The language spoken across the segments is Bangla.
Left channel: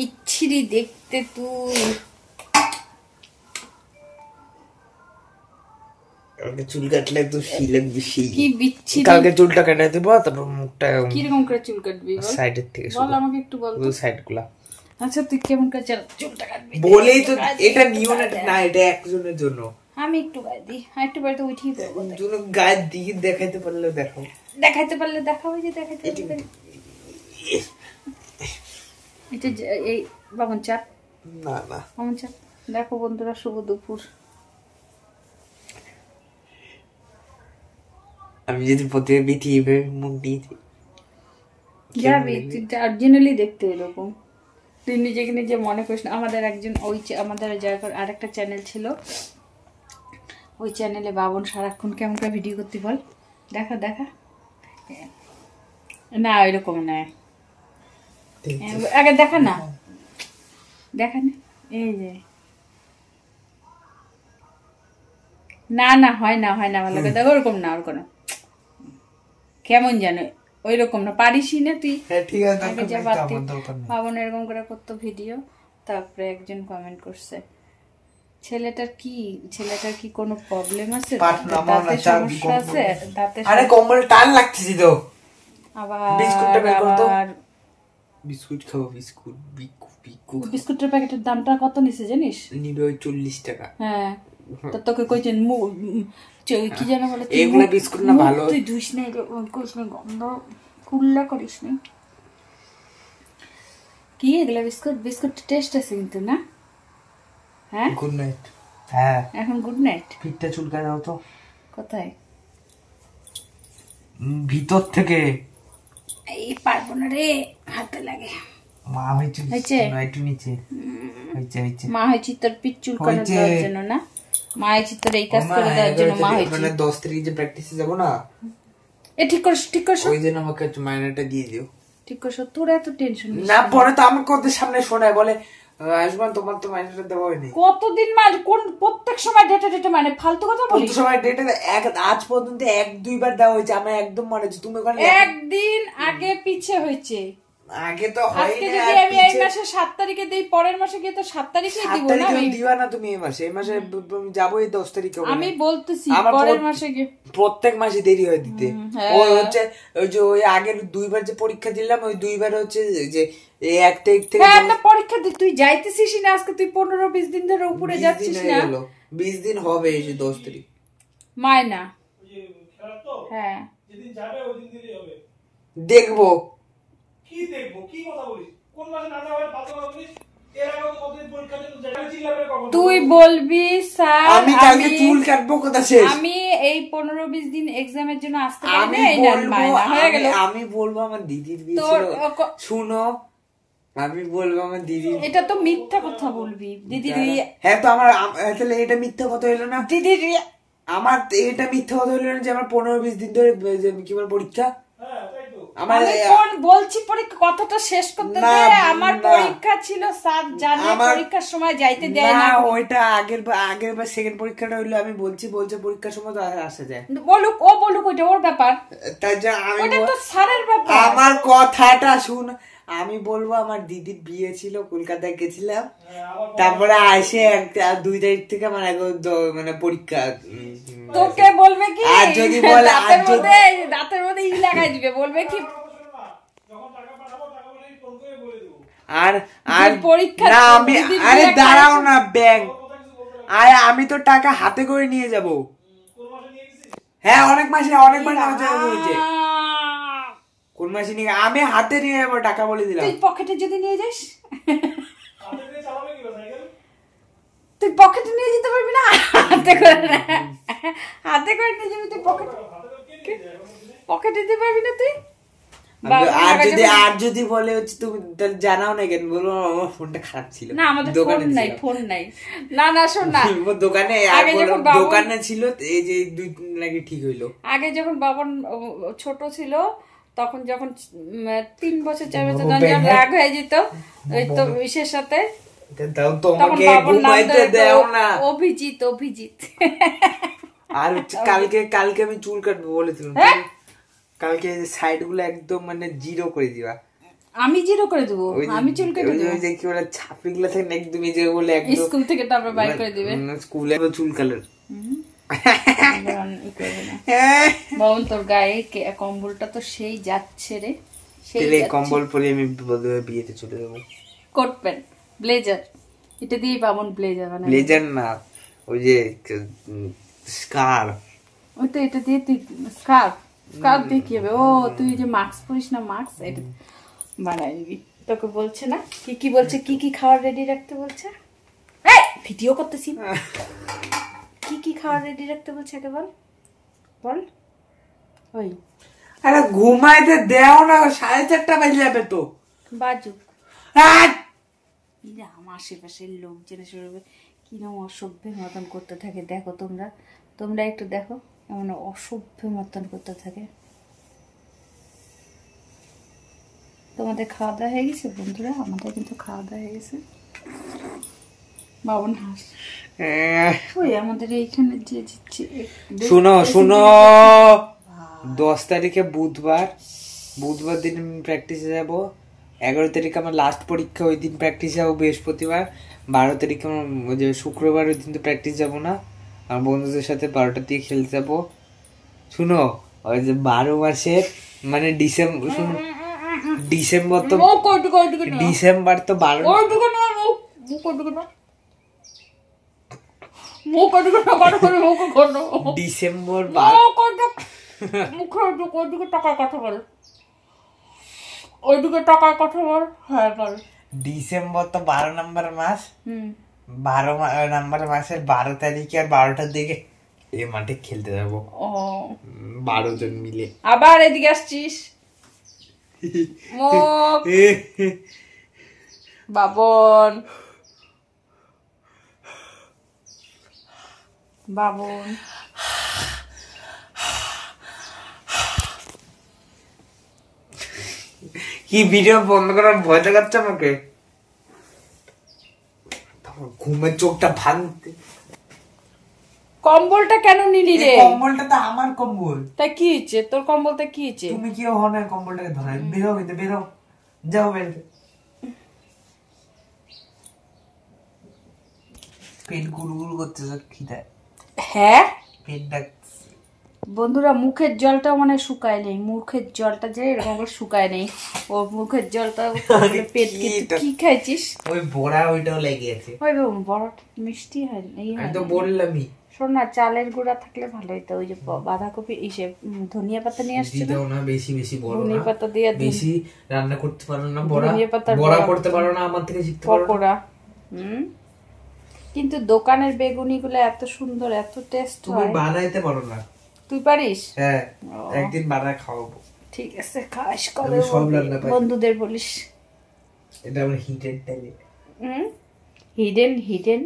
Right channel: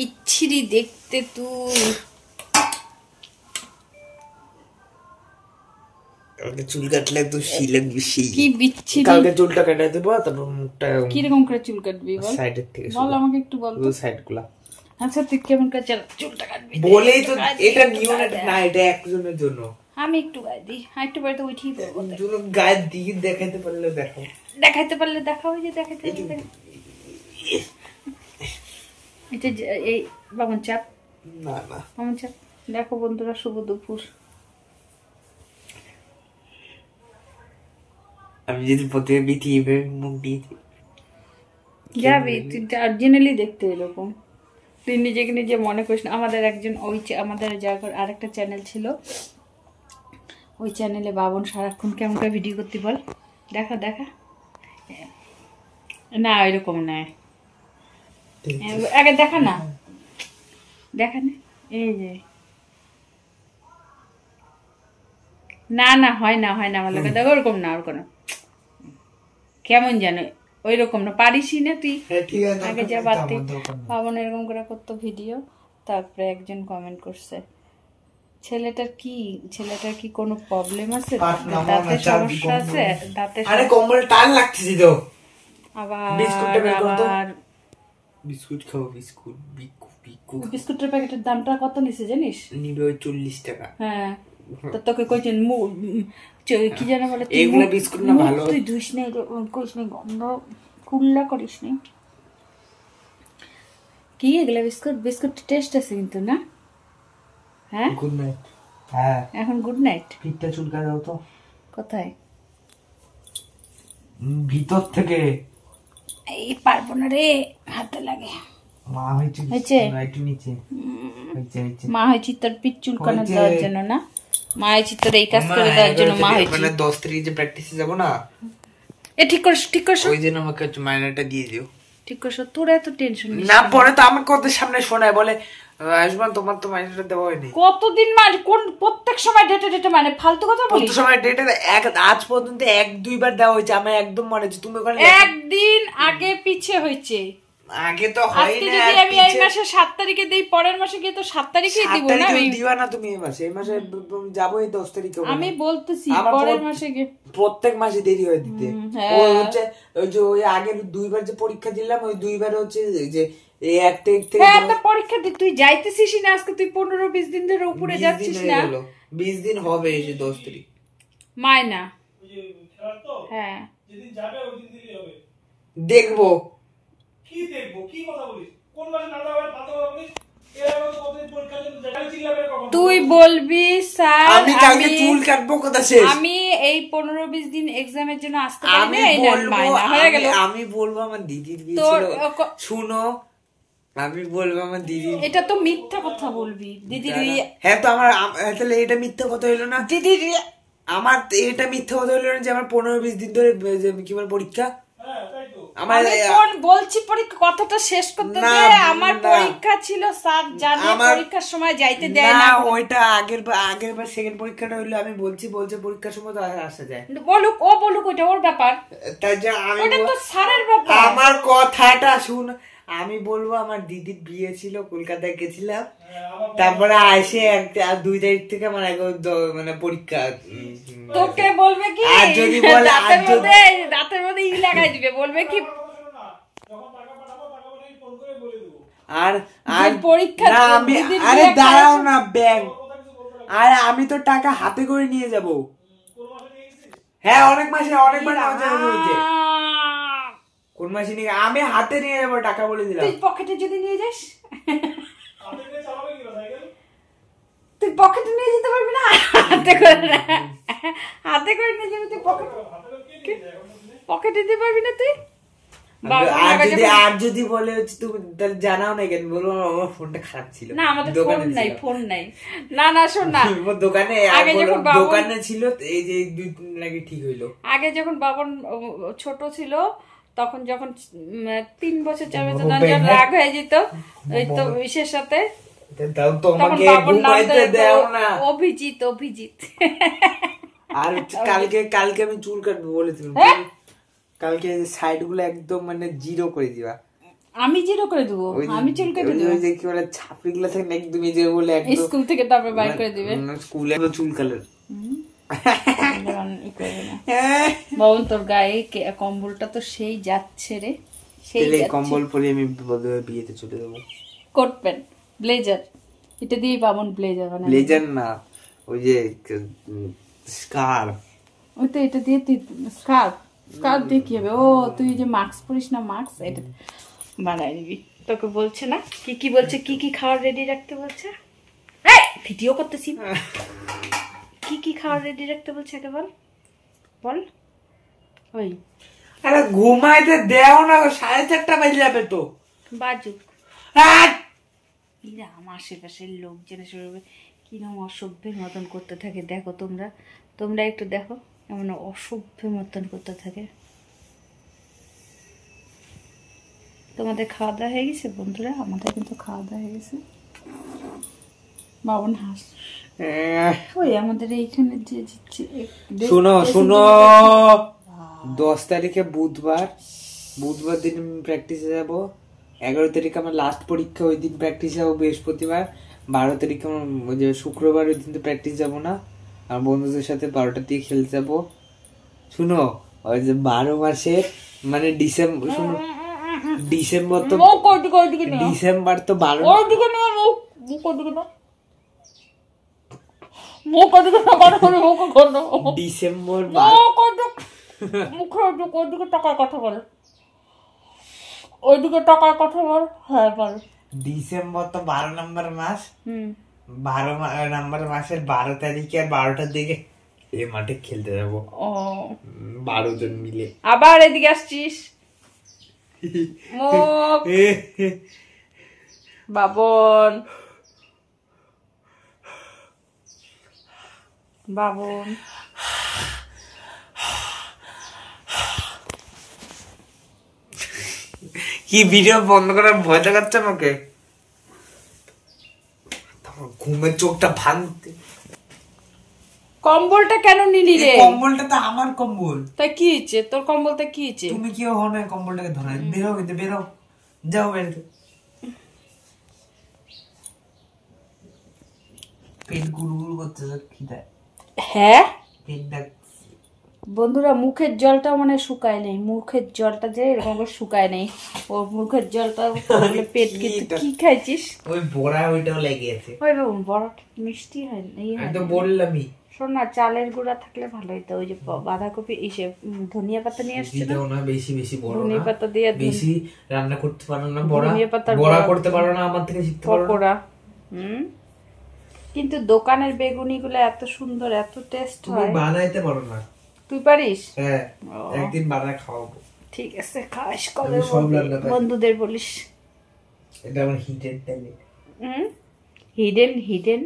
বিচ্ছিরি দেখতে তুই। কালকে চুল কাটলে তো শিলক বেশি। কি বিচ্ছিরি। কালকে চুলটা কেটে দেব, তারপর মুখটা কি রকম করে চুল কাটবি বল? সাইডের থেকে বল আমাকে একটু বল তো সাইডগুলা। আচ্ছা তুই কেমন করে চুলটা কাটবি? বলেই তো এটা নিয়ম না, এটা একজনের জন্য। আমি একটু গায়ে দিই, একটু বাড়িতে উঠিয়ে পড়বো। তুমি গায়ে দিয়ে দেখাইতে পারলে দেখাও। দেখাইতে পারলে দেখাও, যে দেখাইতে পারলে এটা এই বামন চাপ। না না বামন চাপ। দেখো বন্ধুরা, শুভ দুপুর। আমি যদি প্রথমে বিটিয়ে মুখ দিয়ে যাবি তুই অরিজিনালি দেখতে এরকম। তুই নিজেকে নিজে মনে করিস না। আমাদের একজন আমাদের জায়গার আরেকটা চ্যানেল ছিল, ওই চ্যানেলে বাবন সারাক্ষণ কেমন করে ভিডিও করতে বল? দেখা দেখা না, ওইরকম না। আগে দেখা না, দেখা না। এই যে না না, হয় না হয় না, আমার লাগে দেখো ওরকম না, ওরকম না। কেমন জানো ওই রকম না, পারিসই না তুই। আগে যা বাড়তি বাবন এরকম করে করতো ভিডিও। তারপরে একজন কমেন্ট করছে, ছেলেটার কি কোনো প্রবলেম আছে, দাঁতে সমস্যা আছে, দাঁতে কম্বল টান লাগতেছি তো। আবার বিস্কুট খাবো, বিস্কুটের প্যাকেটের দামটা কত নিছে জানিস? নিবে ওই 40 টাকা। হ্যাঁ, তো তোকে কইছেন কি যেন বলে, এইগুলা বিস্কুট না ভালো, তুই ধুইস না, কইস না, গন্ধ কুল্লা করিস না। কি এগুলা বিস্কুট টেস্ট আছে কিন্তু না? হ্যাঁ গুড নাইট। হ্যাঁ এখন গুড নাইট। পিঠটা চুলকা দাও তো। কোথায়? ভিতর থেকে। এই পারবো না রে, হাতে লাগে। মা হয়েছে একটু নিচে হয়েছে মা হয়েছি তোর পিঠ চুলকানো দেওয়ার জন্য না, মা হয়েছি তোর এই কাজ করে দেওয়ার জন্য মা হয়েছি। মানে 10 তারিখে যে প্র্যাকটিসে যাব না, এ ঠিক করছ ওই দিন আমাকে মাইনেটা দিয়ে দিও। ঠিক করছ, তোর এত টেনশন না। পরে তো আমাকে ওদের সামনে শোনায়, বলে আয়ুষ্মান তোমার তো মাইনেটা দেওয়া হয়নি। কতদিন মানে কোন প্রত্যেক সময় ডেটে মানে ফালতু কথা বলিস? প্রত্যেক সময় ডেটে আজ পর্যন্ত 1-2 বার দেওয়া হয়েছে। আমার একদম মনে আছে, তুমি ওখানে একদিন আগে পিছে হয়েছে। আগে তো হয় না। যদি আমি এই মাসে 7 তারিখে দেই, পরের মাসে গিয়ে তো 7 তারিখেই দিব না। আমি দিবা না তুমি এই মাসে যাবো এই 10 তারিখে। আমি বলতেছি পরের মাসে গিয়ে, প্রত্যেক মাসে দেরি হয় দিতে। ওই হচ্ছে ওই যে ওই আগের 2 বার যে পরীক্ষা দিলাম, ওই 2 বার হচ্ছে যে এই 1 তারিখ থেকে। হ্যাঁ, একটা পরীক্ষা দি, তুই যাইতেছিস না আজকে, তুই 15-20 দিন ধরে উপরে যাচ্ছিস না। 20 দিন হবে এই যে 10 তারিখ মাইনা। হ্যাঁ, যেদিন যাবে ওই দিন দিলেই হবে। দেখবো কি দেখবো, কি কথা বলিস? কোন মাসে না যাবে ফালতু কথা বলিস? এর আগে তো কতদিন পরীক্ষা দিতে যাই চিল্লাবে কখন? তুই বলবি স্যার আমি কালকে চুল কাটবো কোথা শেষ, আমি এই 15-20 দিন এক্সামের জন্য আসতে পারি না, এই মাইনা হয়ে গেল। আমি বলবো আমার দিদির বিয়ে ছিল। শুনো, আমি বলবো আমার দিদি। এটা তো মিথ্যা কথা বলবি দিদির। হ্যাঁ তো আমার তাহলে এটা মিথ্যা কথা হইলো না? দিদির আমার এটা মিথ্যা কথা হইলো না যে আমার 15-20 দিন ধরে কি বলে পরীক্ষা? আমি কোন বলছি পরীক্ষা কথাটা শেষ করতে দে। আমার পরীক্ষা ছিল স্যার জানে, পরীক্ষার সময় যাইতে দেয় না। ওইটা আগের বার সেকেন্ড পরীক্ষাটা হইলো। আমি বলছে পরীক্ষার সময় তো আসা যায়। বলুক ওইটা ওর ব্যাপার, তাই যে ওটা তো স্যারের ব্যাপার। আমার কথাটা শুন, আমি বলবো আমার দিদির বিয়ে ছিল, কলকাতায় গেছিলাম, তারপরে আসে 2 তারিখ থেকে মানে পরীক্ষা। তোকে বলবে কি, আর যদি বলে দাঁতের মধ্যে ই লাগাই দিবে, বলবে কি আর পরীক্ষা না আমি, আরে দাঁড়াও না ব্যাংক, আরে আমি তো টাকা হাতে করে নিয়ে যাব। হ্যাঁ অনেক মাসে হয়েছে। কোন মাসে নিয়ে আমি হাতে নিয়ে যাবো টাকা, বলে দিলাম। তুই পকেটে যদি নিয়ে যাস, তুই পকেটে নিয়ে যেতে পারবি না, হাতে করে নিয়ে যাবি। তুই পকেটে দিতে পারবি না তুই। আর যদি বলে হচ্ছে তুমি জানাও না কেন, বলবো আমার ফোনটা খারাপ ছিল। না আমাদের ফোন নাই। না শোন না, দোকানে আগে যখন দোকানে ছিল এই যে 2 দিন লাগে ঠিক হইলো। আগে যখন বাবন ছোট ছিল, তখন যখন 3 বছর 4 বছর যখন রাগ হয়ে যেত ওই তো ইসের সাথে, তখন বাবন নাম অভিজিৎ। আর কালকে আমি চুল কাটবো বলেছিলাম, কালকে সাইড গুলো একদম মানে 0 করে দিবা। আমি জিরো করে দেবো, আমি চুল কেটে দেবো। ওই যে কি বলে ছাপড়িগুলো থেকে একদম এই যে বলে একদম স্কুল থেকে তারপরে বাইর করে দিবে স্কুলে চুল কালার। বাবন তোর গায়ে কম্বলটা তো সেই যাচ্ছে রে, সেই কম্বল পরে আমি বিয়েতে চলে যাবো। কোট প্যান্ট ব্লেজার, এটা দিয়েই বাবন ব্লেজার বানাবে। ব্লেজার না, ওই যে স্কার্ফ। ওই তো এটা দিয়ে তুই স্কার্ফ দিয়ে কি হবে? ও তুই যে মাস্ক পরিস না, মাস্ক এটা বানাই নিবি। তোকে বলছে না কি কি বলছে, কি কি খাওয়ার রেডি রাখতে বলছে? ভিডিও করতেছি। কি কি খাওয়ার রেডি রাখতে বলছে আগে বল বল। ওই আরে ঘুমাইতে দেও না, 4:30 বাজে যাবে তো। বাজুক। আমার আশেপাশের লোকজনের শরীরে কিরকম অসভ্যের মতন করতে থাকে দেখো, তোমরা একটু দেখো এমন অসভ্যের মতন করতে থাকে। তোমাদের খাওয়া দাওয়া হয়ে গেছে বন্ধুরা? আমাদের কিন্তু খাওয়া দাওয়া হয়ে গেছে। বাবন হাস ওই আমাদের এইখানে যে শুনো 10 তারিখে বুধবার দিন প্র্যাকটিসে যাবো। 11 তারিখে আমার লাস্ট পরীক্ষা, ওই দিন প্র্যাকটিস যাবো বৃহস্পতিবার। 12 তারিখে আমার যে শুক্রবার, ওই দিন তো প্র্যাকটিস যাবো না। আমার বন্ধুদের সাথে 12টার দিকে খেলতে যাবো। শুনো ওই যে 12 মাসের মানে ডিসেম্বর তো 12 ডিসেম্বর টাকার কথা বল, ওইদিকে টাকার কথা বল। হ্যাঁ বল। ডিসেম্বর তো 12 নম্বর মাস। 12 নম্বর মাসের 12 তারিখে আর 12টার দিকে এই মাঠে খেলতে যাবো 12 জন মিলে। আবার এদিকে আসছিস বাবন। কি ভিডিও বন্ধ করার ভয় দেখাচ্ছে আমাকে? ঘুমের চোখটা ভাঙতে। কম্বলটা কেন নিলি রে? কম্বলটা তো আমার কম্বল। তাই কি হচ্ছে তোর কম্বলটা? কি হচ্ছে? তুমি কি হন কম্বলটাকে ধরে বেরো, কিন্তু বেরো, যাও বেরোতে। পেট গুড়গুড় করতেছে খিদায়। হ্যাঁ পেট ডাক। বন্ধুরা মুখের জলটা মানে শুকায় নেই, মুখের জলটা যে এরকম করে শুকায় নেই, ও মুখের জলটা পেট কি খাইছিস? ওই বড়া ওইটাও লেগে আছে। ওই বড় মিষ্টি হয় না? আমি তো বললামই। শোন না, চালের গুঁড়া থাকলে ভালো হইতো। ওই যে বাঁধাকপি ইসে ধনিয়া পাতা নিয়ে আসছে না, বেশি বড় ধনিয়া পাতা দিয়ে বেশি রান্না করতে পারো না, বড়া করতে পারো না, আমার থেকে শিখতে পারো পকোড়া। কিন্তু দোকানের বেগুনি গুলো এত সুন্দর, এত টেস্ট হয়। তুমি বানাইতে পারো না? তুই পারিস? হ্যাঁ, একদিন বানায় খাওয়াবো। ঠিক আছে, খাস কবে বন্ধুদের বলিস। এটা আমার হিডেন ট্যালেন্ট। Hidden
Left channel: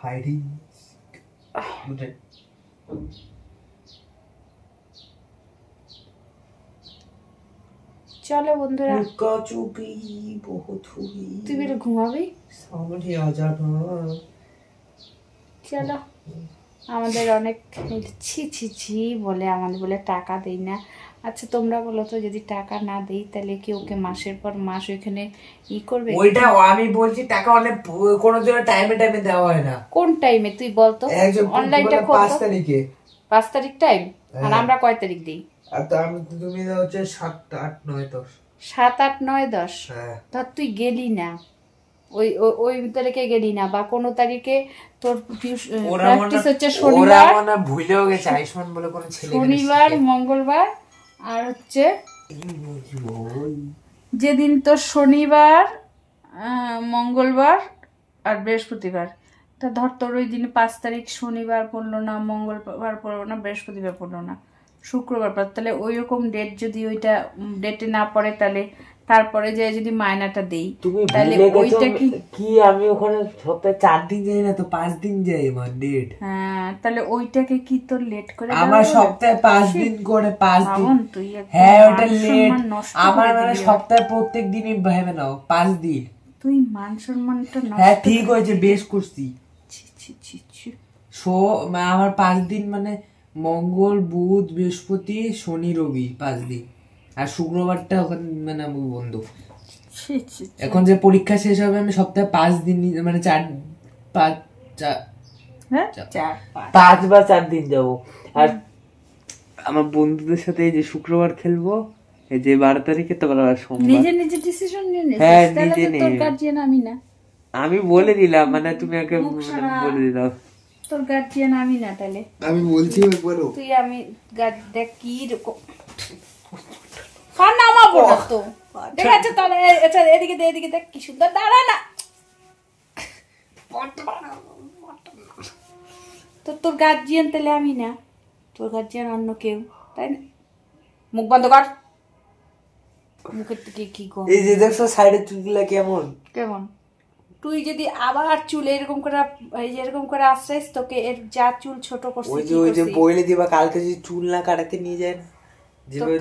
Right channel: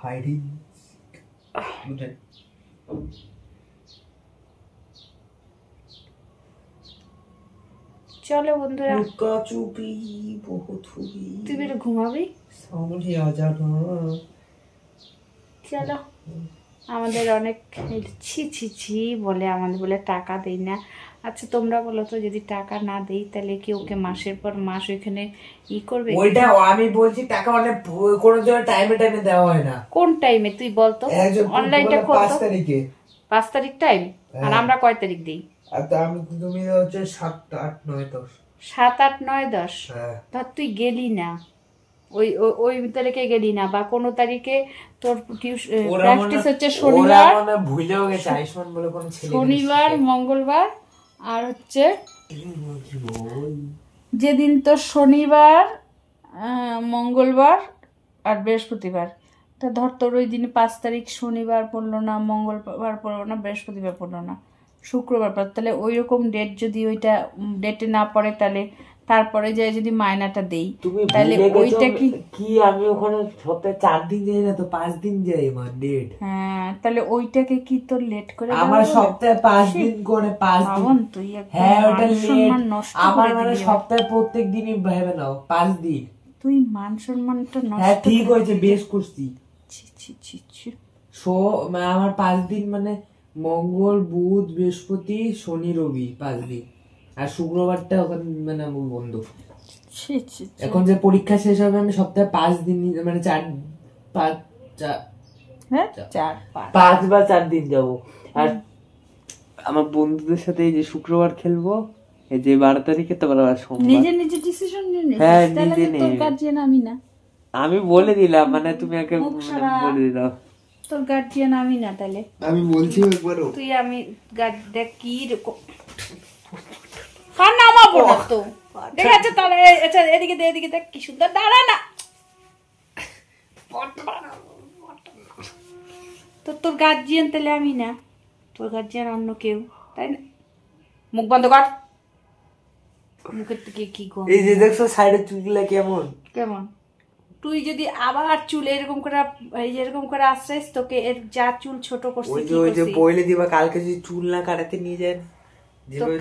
hiding. চলো বন্ধুরা, তুই বেরো ঘুমাবি। চলো, আমাদের অনেক ছি বলে, আমাদের বলে টাকা দেই না। আচ্ছা তোমরা বলো তো, যদি টাকা না দেই তাহলে কি ওকে মাসের পর মাস ওইখানে করবে? ওইটা আমি বলছি, টাকা অনেক কোনো টাইমে দেওয়া হয় না। কোন টাইমে তুই বলতো? অনলাইনটা খোল তো। 5 তারিখে। 5 তারিখ টাইম। আর আমরা কয় তারিখ দেই? তুমি হচ্ছে 7, 8, 9, 10। 7, 8, 9, 10। ধর তুই গেলি না, ওই তারিখে গেলি না, বা কোনো তারিখে তোর প্র্যাকটিস হচ্ছে শনিবার, ভুলেও গেছে আয়ুষ্মান বলে কোনো ছেলে, শনিবার, মঙ্গলবার, আর হচ্ছে যেদিন তোর শনিবার, মঙ্গলবার আর বৃহস্পতিবার, তা ধর তোর ওই দিন 5 তারিখ শনিবার পড়লো না, মঙ্গলবার পড়লো না, বৃহস্পতিবার পড়লো না, শুক্রবার পর, তাহলে ওই রকম ডেট যদি ওইটা ডেটে না পড়ে, তাহলে তারপরে যে যদি মায়নাটা দেই, তাহলে ওইটা কি আমি ওখানে সপ্তাহে 4 দিন যাই না তো 5 দিন যাই আমার ডেট। হ্যাঁ, তাহলে ওইটাকে কি তোর লেট করে আমার সপ্তাহে 5 দিন করে 5 দিন। তুই হ্যাঁ ওটা লেট আমার, মানে সপ্তাহে প্রত্যেক দিনই ভেবে নাও 5 দিন। তুই মান সম্মানটা নষ্ট। হ্যাঁ ঠিক হয়েছে, বেশ করছি। আমার 5 দিন মানে মঙ্গল, বুধ, বৃহস্পতি, শনি, রবি, 5 দিন। আর শুক্রবারটা ওখানে মানে আমার বন্ধ। এখন যে পরীক্ষা শেষ হবে আমি সপ্তাহে 5 দিন মানে 5 বা 4 দিন যাবো। আর আমার বন্ধুদের সাথে এই যে শুক্রবার খেলবো, এই যে 12 তারিখে তো নিজে নিজে ডিসিশন নিয়ে নিস। তাহলে তোর গার্জিয়ান আমি না, আমি বলে দিলাম, মানে তুমি আগে বলে দিলাম তোর গার্জিয়ান আমি না। তাহলে আমি বলছি একবারও তুই আমি দেখ কি রকম কার নামাবো না তো ঠিক আছে। তাহলে আচ্ছা এদিকে দেখ কি সুন্দর দাঁড়া না তো তোর গার্জিয়ান তাহলে আমি না, তোর গার্জিয়ান অন্য কেউ, তাই না? মুখ বন্ধ কর, মুখের থেকে কি কর। এই যে দেখছো সাইডের চুলগুলা কেমন কেমন? তুই যদি আবার চুল এরকম করে এই যে এরকম করে আশ্রাইস, তোকে এর যা চুল ছোট করছিস ওই যে বইলে দিবা কালকে যদি চুল না কাটাতে নিয়ে যায় না, যেভাবে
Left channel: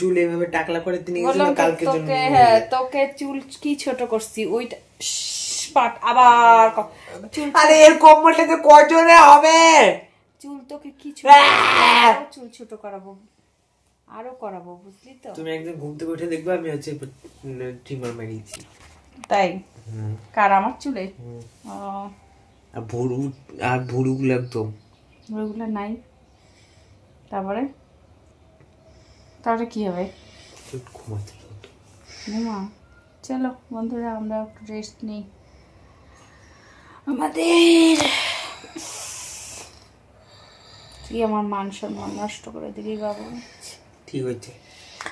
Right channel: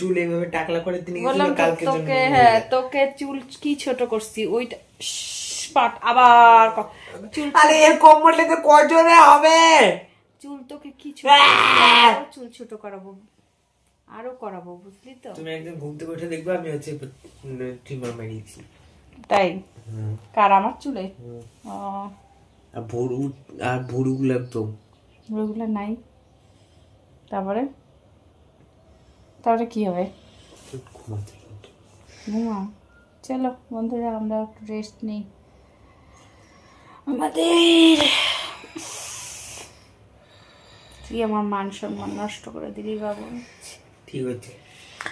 চুল এইভাবে টাকলা করে নিয়ে বললাম তোকে, হ্যাঁ তোকে চুল কি ছোট করছি ওইটা পাট আবার চুল। আরে এর কম্বলটাতে কজনে হবে চুল, তোকে কি চুল ছোট করাবো, আরো করাবো, বুঝলি তো? তুমি একদিন ঘুম থেকে উঠে দেখবে আমি হচ্ছে ট্রিমার মারিয়েছি। তাই? কার? আমার চুলে? আর ভুরুগুলো একদম ভুরুগুলো নাই। তারপরে কি হবে? ঘুমা। চলো বন্ধুরা, আমরা একটু রেস্ট নেই। আমাদের তুই আমার মান সম্মান নষ্ট করে দিলি বাবু। ঠিক হচ্ছে,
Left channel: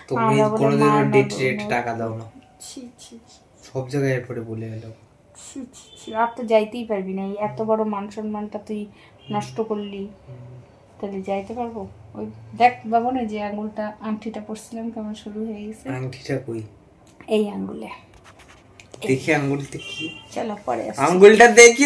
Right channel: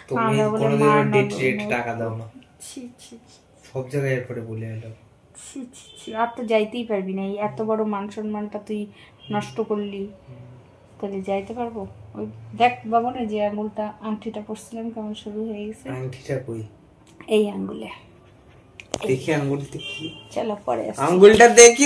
তুমি কোনোদিন ডেট টাকা দাও না, সব জায়গায় এরপরে বলে এলো। আর তো যাইতেই পারবি না, এত বড় মান সম্মানটা তুই নষ্ট করলি, তাহলে যাইতে পারবো? ওই দেখ বাবু না, যে আঙ্গুলটা আংটিটা পরছিলাম কেমন শুরু হয়ে গেছে। আংটিটা কই? এই আঙ্গুলে দেখি আঙ্গুলটা কি। চলো পরে আঙ্গুলটা দেখি।